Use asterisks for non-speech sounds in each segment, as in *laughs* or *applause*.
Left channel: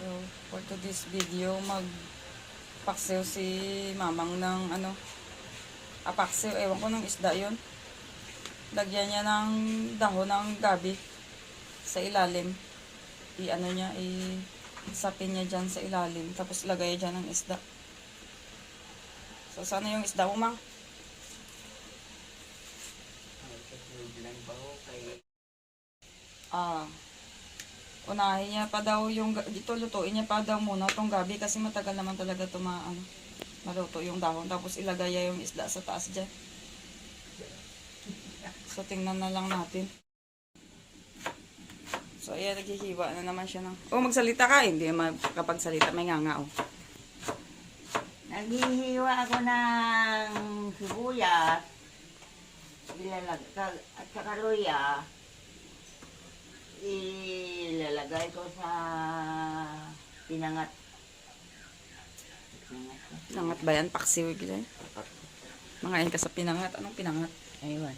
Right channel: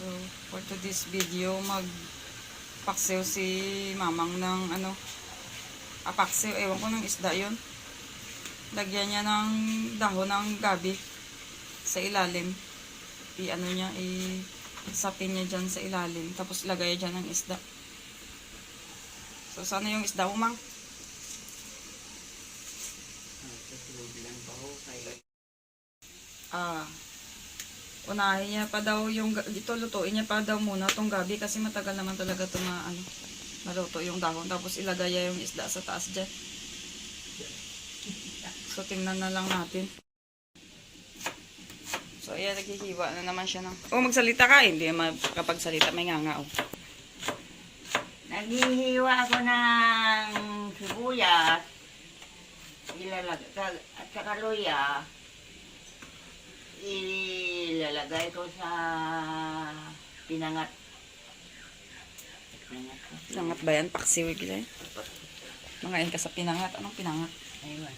So, for today's video, magpaksiw si mamang ng ano, apaksiw, ewan ko ng isda yon Lagyan niya ng dahon ng gabi sa ilalim. I ano niya, i sapin niya dyan sa ilalim. Tapos lagay dyan ng isda. So, sana yung isda mo, mang? Ah, unahin niya pa daw yung, ito lutuin niya pa daw muna tong gabi kasi matagal naman talaga ito ma, ano, maluto yung dahon. Tapos ilagay niya yung isda sa taas dyan. So, tingnan na lang natin. So, ayan, naghihiwa na naman siya ng... Oh, magsalita ka. Hindi makapagsalita. May nga nga, oh. Naghihiwa ako ng sibuyas, ilalag at saka luya, ilalagay ko sa pinangat. Pinangat ko. Pinangat ba yan? Paksiw, gila. Mga yan ka sa pinangat. Anong pinangat? Ayun.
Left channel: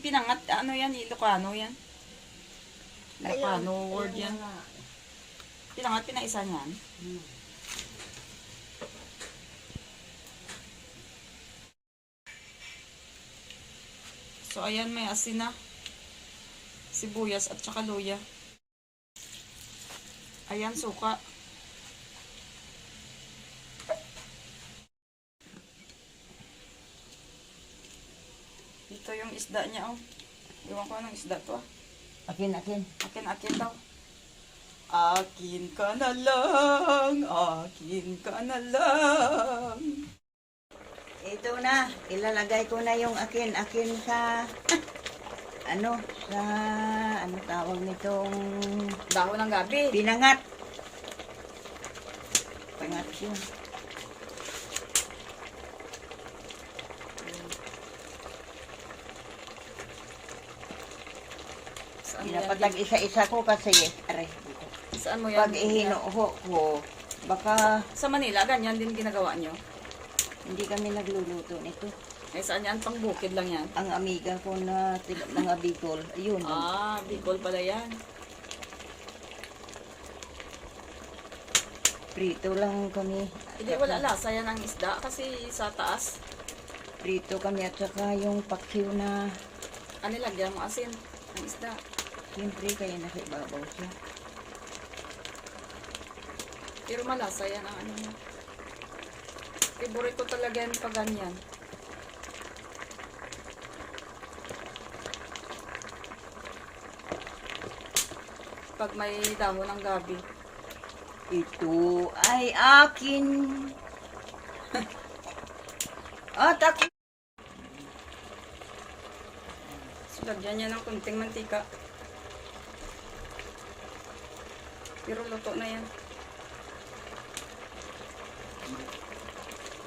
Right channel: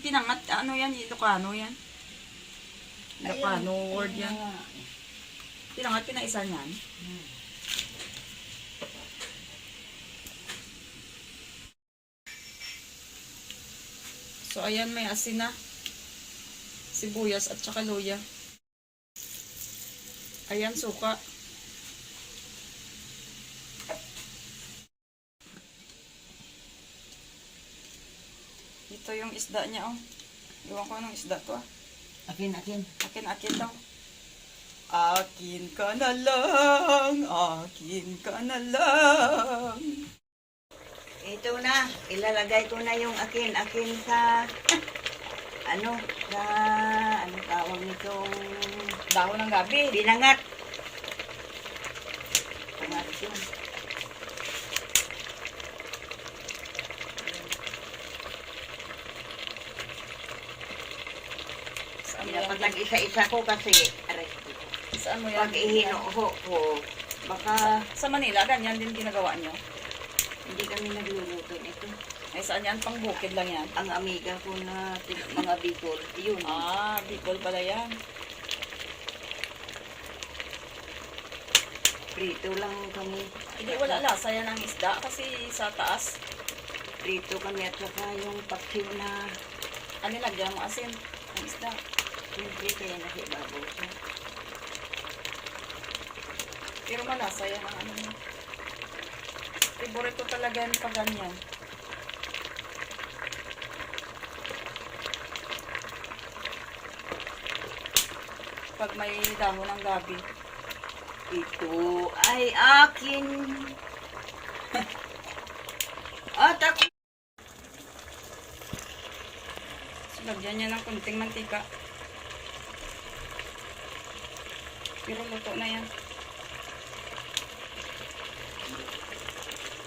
Pinangat, ano yan? Ilocano yan? Ilocano word yan. Pinangat, pinaisan yan. So, ayan, may asin na. Sibuyas at saka luya. Ayan, suka. Ito yung isda niya, oh. Iwan ko anong isda to, ah. Akin, akin. Akin, akin daw. Akin ka na lang, akin ka na lang. Ito na, ilalagay ko na yung akin, akin sa, *laughs* ano, sa, ano tawag nitong, Dahon ng gabi. pinangat. Pinangat yun. Lang isa-isa ko kasi, aray, dito. Saan mo yan? Pag ihinuho ko, baka Sa Manila, ganyan din ginagawa nyo. hindi kami nagluluto nito. Ay, saan yan? Pang bukid lang yan. Ang amiga ko na mga Bicol, yun. Ah, Bicol pala yan. Prito lang kami. Hindi, wala lasa yan ang isda kasi sa taas. Prito kami at saka yung paksiw na, Ano lagyan mo asin? Ang isda. siyempre kaya nasa ibabaw siya. Pero malasa yan ang ano ko talaga yan pag ganyan. Pag may dahon ng gabi. Ito ay akin. *laughs* at ako. Lagyan niya ng kunting mantika. Pero luto na yan.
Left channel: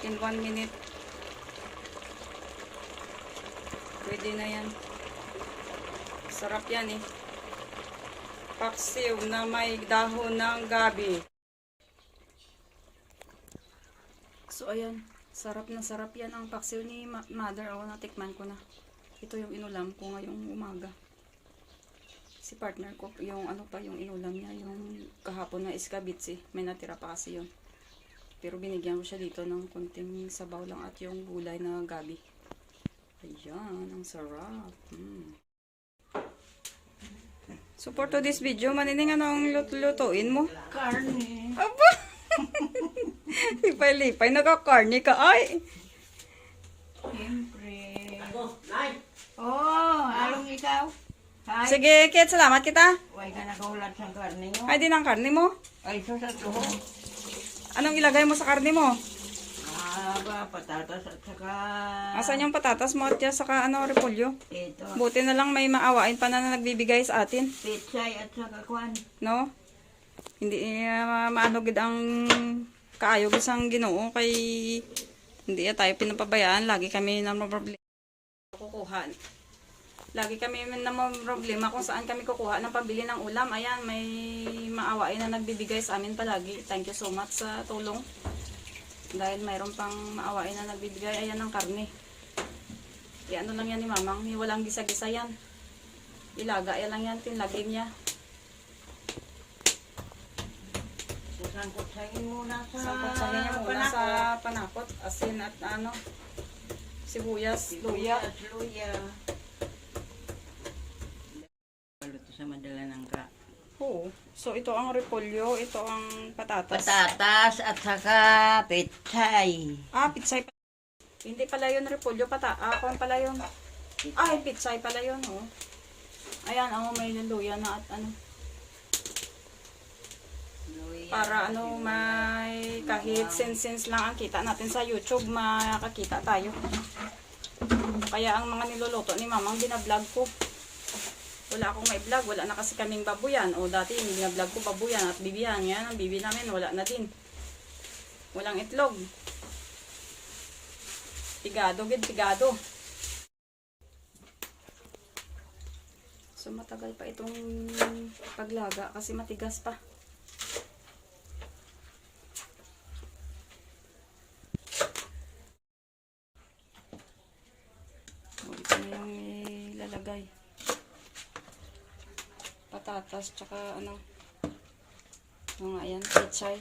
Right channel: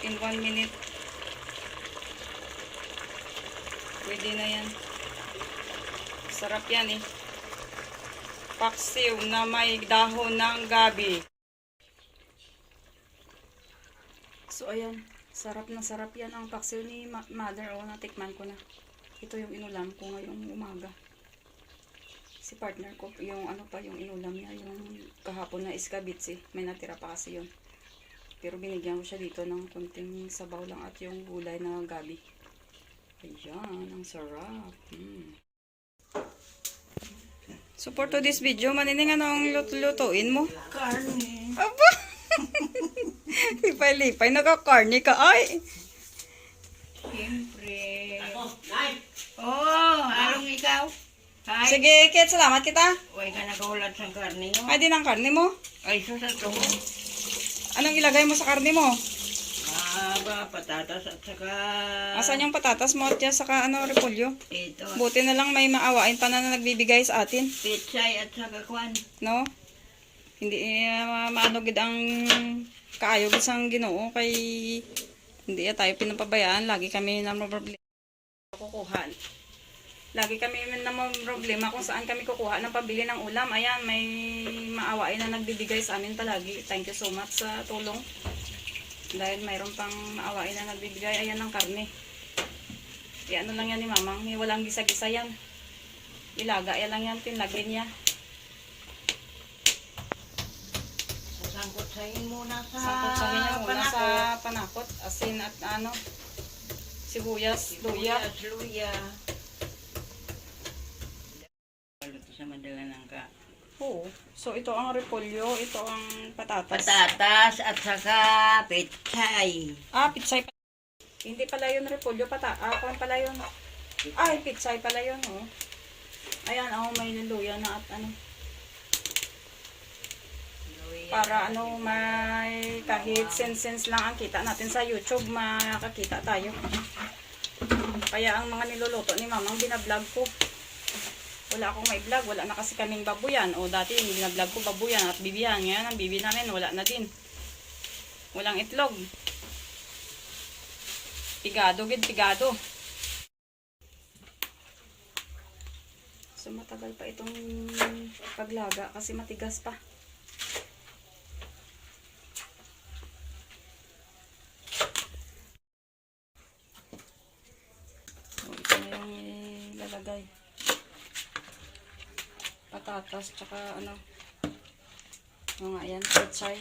In one minute. Pwede na yan. Sarap yan eh. Paksiw na may dahon ng gabi. So ayan, sarap na sarap yan ang paksiw ni mother. O, natikman ko na. Ito yung inulam ko ngayong umaga. Si partner ko, yung ano pa, yung inulam niya, yung kahapon na iskabitsi. May natira pa kasi yun. Pero binigyan ko siya dito ng konting sabaw lang at yung gulay na gabi. Ayan, ang sarap. Mm. So for today's video, manining anong luto-lutuin mo? Karne. Aba! *laughs* Lipay-lipay, nakakarni ka. Ay! Siyempre. Oh, along ikaw. Hi. Sige, Kit, salamat kita. Huwag ka nakahulad sa karne yo. Ay, din ang karni mo. Ay, so sa to. Anong ilagay mo sa karni mo? Aba, patatas at saka... Asan yung patatas mo at saka ano, repolyo? Ito. Buti na lang may maawain pa na, na nagbibigay sa atin, Pitsay at saka kwan. no? Hindi uh, maanogid ang kaayog isang ginoo kay hindi ya tayo pinapabayaan. Lagi kami na problema kukuha. Lagi kami na problema kung saan kami kukuha ng pambili ng ulam. Ayan, may maawain na nagbibigay sa amin palagi. Thank you so much sa tulong. Dahil mayroon pang maawain na nagbibigay. Ayan ang karne. E ano lang yan ni mamang. Walang gisa-gisa yan. Ilaga yan lang yan. Tinlagin niya. sangkot-sahin muna sa Sangkot-sahin niya muna panakot. sa panakot. Asin at ano, sibuyas, luya. Sibuyas, luya. Luto sa madala ng ka. Oo. So, ito ang repolyo, ito ang patatas. Patatas at saka pechay. Ah, pitsay. Hindi pala yun repolyo, pata. Ah, kung pala yun. Ay, pitsay pala yun, oh. Ayan, oh, may luya na at ano. Para ano, may kahit sense-sense lang ang kita natin sa YouTube, makakita tayo. Kaya ang mga niluluto ni mamang binablog ko. Wala akong may vlog, wala na kasi kaming babuyan. O dati yung binablog ko babuyan at bibiyan. Ngayon ang bibi namin, wala na din. Walang itlog. Pigado, gid pigado. So matagal pa itong paglaga kasi matigas pa. So, ito na yung ilalagay. Patatas, tsaka ano. Mga ayan, pechay.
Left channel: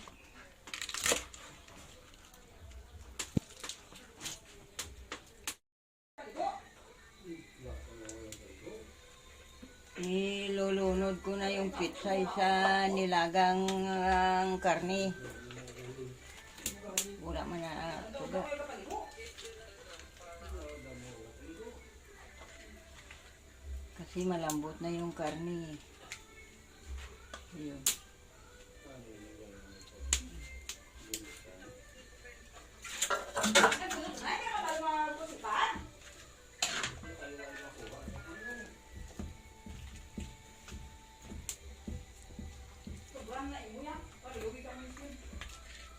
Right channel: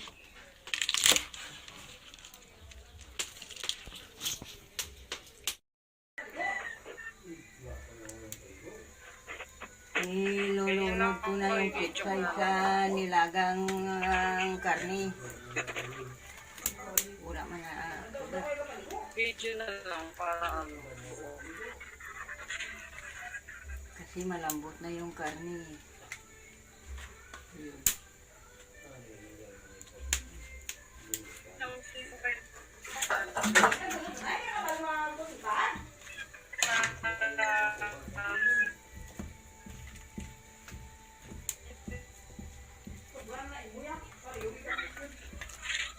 Nilulunod ko na yung pechay sa nilagang ah, karne. Wala man na sobra. Kasi malambot na yung karne. Yun.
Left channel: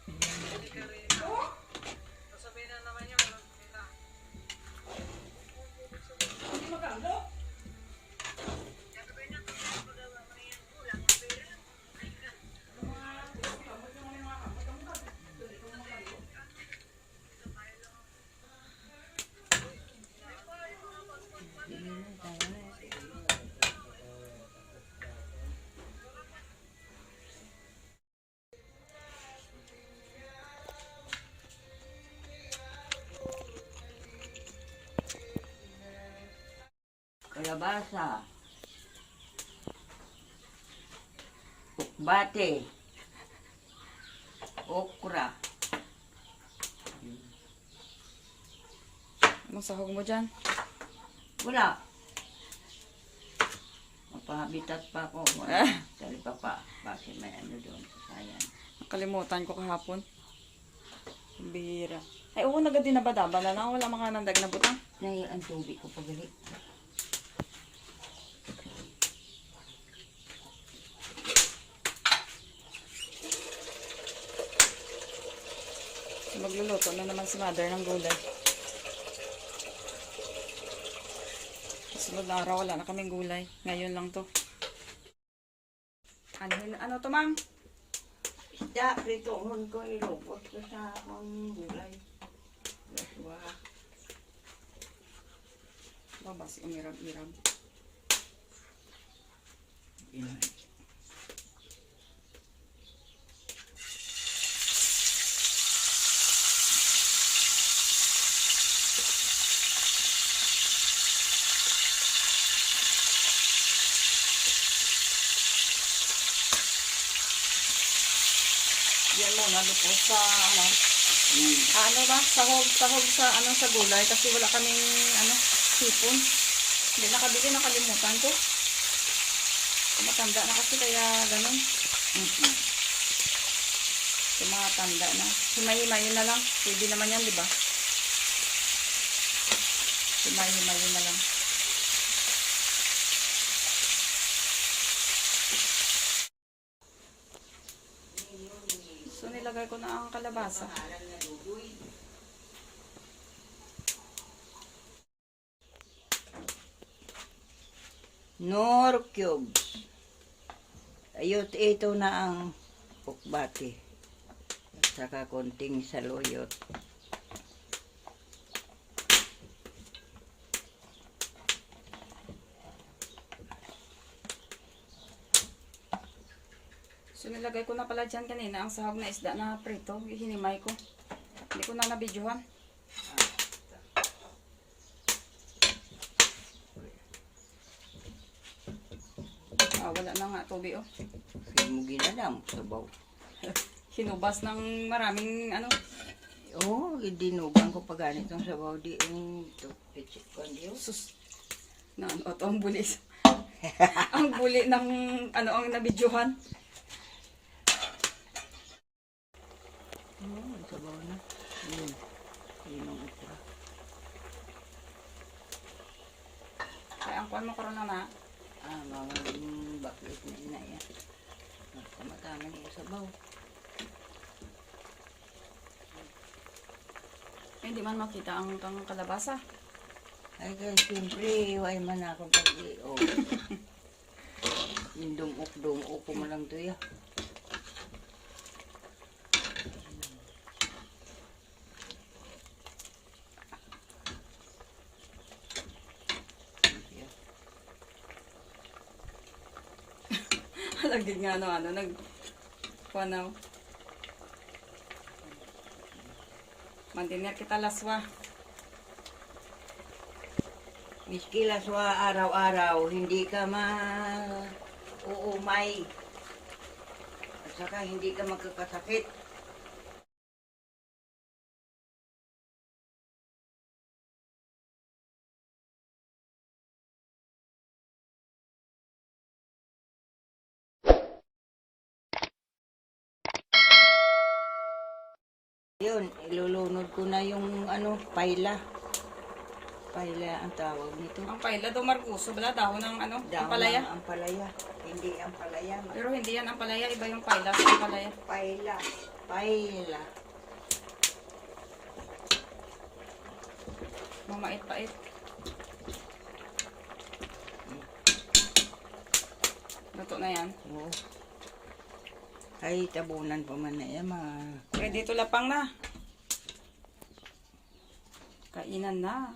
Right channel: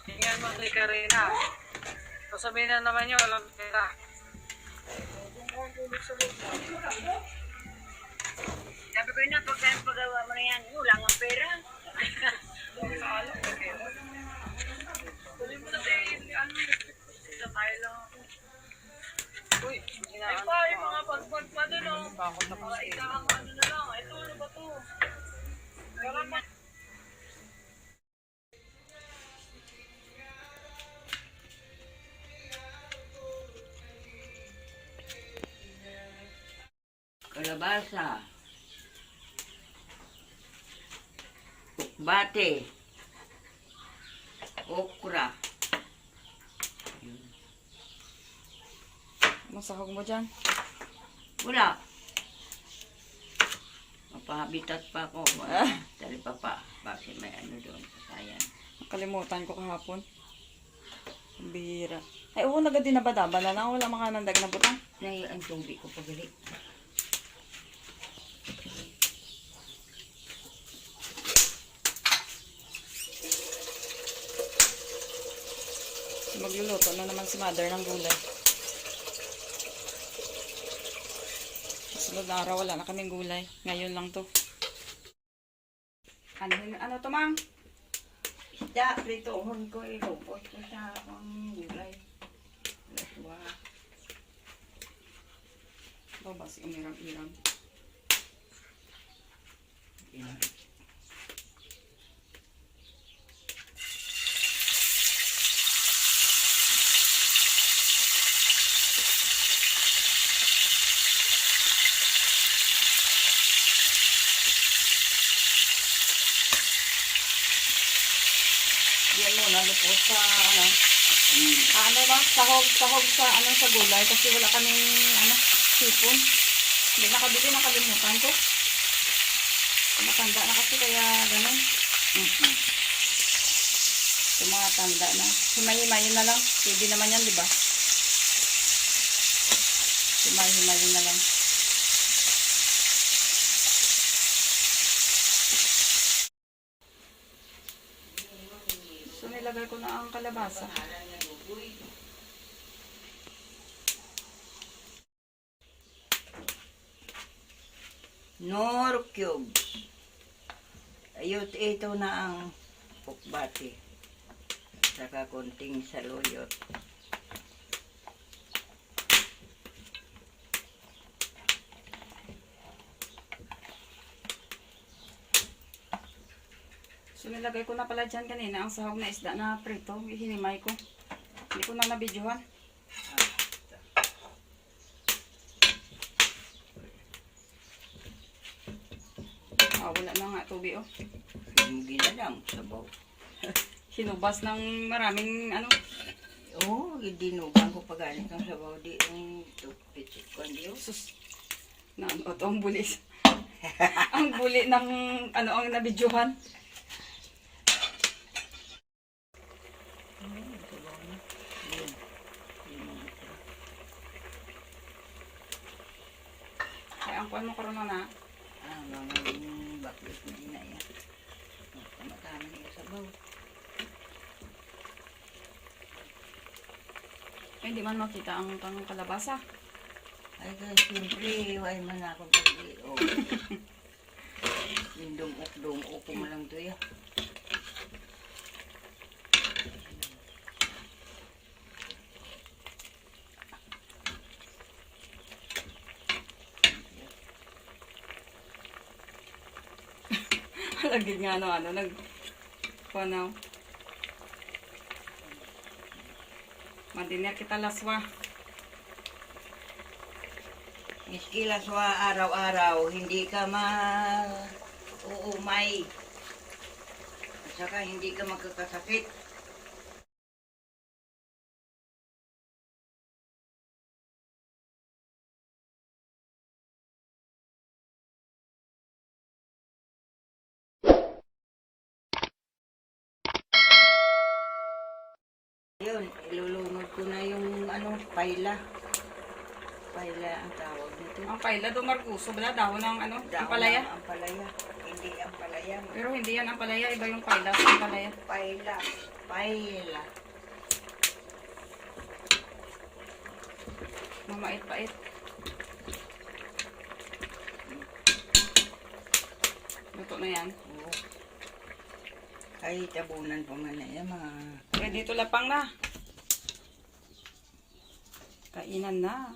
Tingnan mo si Karina. Sasabihin na naman niya, walang pera. Sabi na, pag pagawa mo na yan, wala nga pera. Ay pa, yung mga pagpag pa doon, oh. Mga isang ano na lang. Ito, ano ba to? Kalabasa. Bate. Okra. Masahog mo dyan. Wala. Mapahabitat pa ako. Ah. Dali pa pa. Bakit may ano doon sa sayan. Nakalimutan ko kahapon. Ang bihira. Ay, oo, nagadi na ba daba na lang? Wala mga nandag na butang. Nay, ang tubig ko pagali. Magluluto na naman si mother ng gulay. Sunod na araw, wala na kaming gulay. Ngayon lang to. Ano, ano to, mang? Isda, pritohon ko ilubos ko sa akong gulay. Laswa. Baba si umiram-iram. Yan muna, lupos sa ano. Ah, ano ba? Sahog, sahog sa ano sa gulay kasi wala kaming ano, sipon. Hindi nakabili, nakalimutan ko. Matanda na kasi kaya ganun. Mhm. Yung mga tanda na. Himay-himayin na lang. Pwede naman yan, di ba? Himay-himayin na lang. Nilagay ko na ang kalabasa. Nor cubes. Ayot, ito na ang pukbati. Saka konting saluyot. So, nilagay ko na pala dyan kanina ang sahog na isda na prito. Hinimay ko. Hindi ko na nabidyohan. Ah, wala na nga tubi oh. Hindi mo ginanam. Sabaw. Hinubas ng maraming ano. Oo, oh, dinugang ko pa ganit ng sabaw di yung tupitsit ko. Oh. Sus. Na ano to ang buli. *laughs* ang buli ng ano ang nabidyohan. Ano yung sabaw na? Yun. Yun ang ito. Kaya ang kuwan mo karon na na. Ah, mga yung baklit na ina yan. Tama-tama niya sabaw. Eh, hindi man makita ang kang kalabasa. Ay, kaya siyempre, ay man ako pag-i-o. *laughs* Yung dumok-dumok ko mo lang to ya. *laughs* Lagi nga ano ano nag kuanaw. Mandiner kita laswa. Miski laswa araw-araw, hindi ka ma uumay. At saka hindi ka magkakasakit. Yun, ilulunod ko na yung ano, paila. Paila ang tawag nito. Ang paila do markuso bala dahon ng ano, ang palaya. ng Ampalaya. Hindi ampalaya. Pero hindi yan ang palaya, iba yung paila sa ang palaya. Paila. Paila. Mamait-pait. Luto na yan. Oo. Ay, tabunan pa man na yan, mga... Eh, dito lapang na. Kainan na.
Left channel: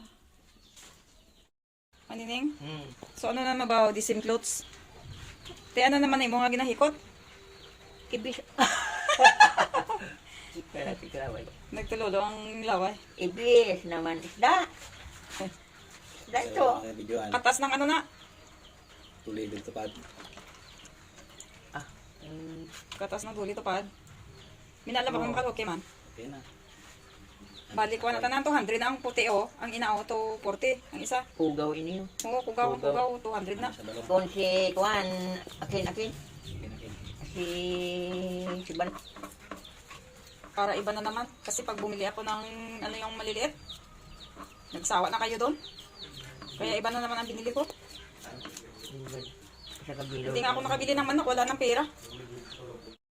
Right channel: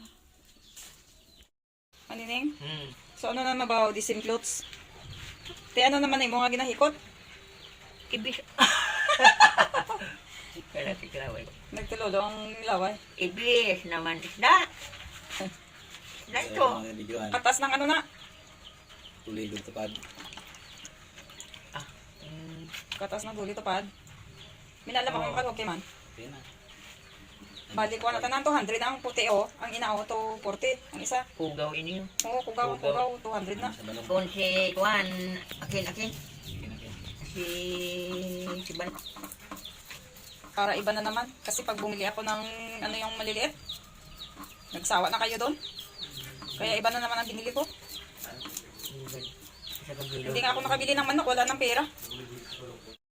Manining? Hmm. So ano na mabaw, di same clothes? Te ano naman mo nga ginahikot? Ibis... Kaya tigraway. *laughs* Nagtulolo ang laway. Ibis naman isda. Isda ito. Mga Katas ng ano na? tulilog tapad. Ah, mm, Katas ng duli tupad. Minalam akong kaluki man. Okay na. Bali ko na tanan 200 na ang puti o. Ang inao to 40. Ang isa. Hugaw ini. Oo, kugaw, kugaw, 200 na. Kung si Juan, akin, akin. Okay na, okay. Si... Si Ban... Para iba na naman. Kasi pag bumili ako ng ano yung maliliit, nagsawa na kayo doon. Kaya iba na naman ang binili ko. Hindi nga ako nakabili ng manok, wala ng pera.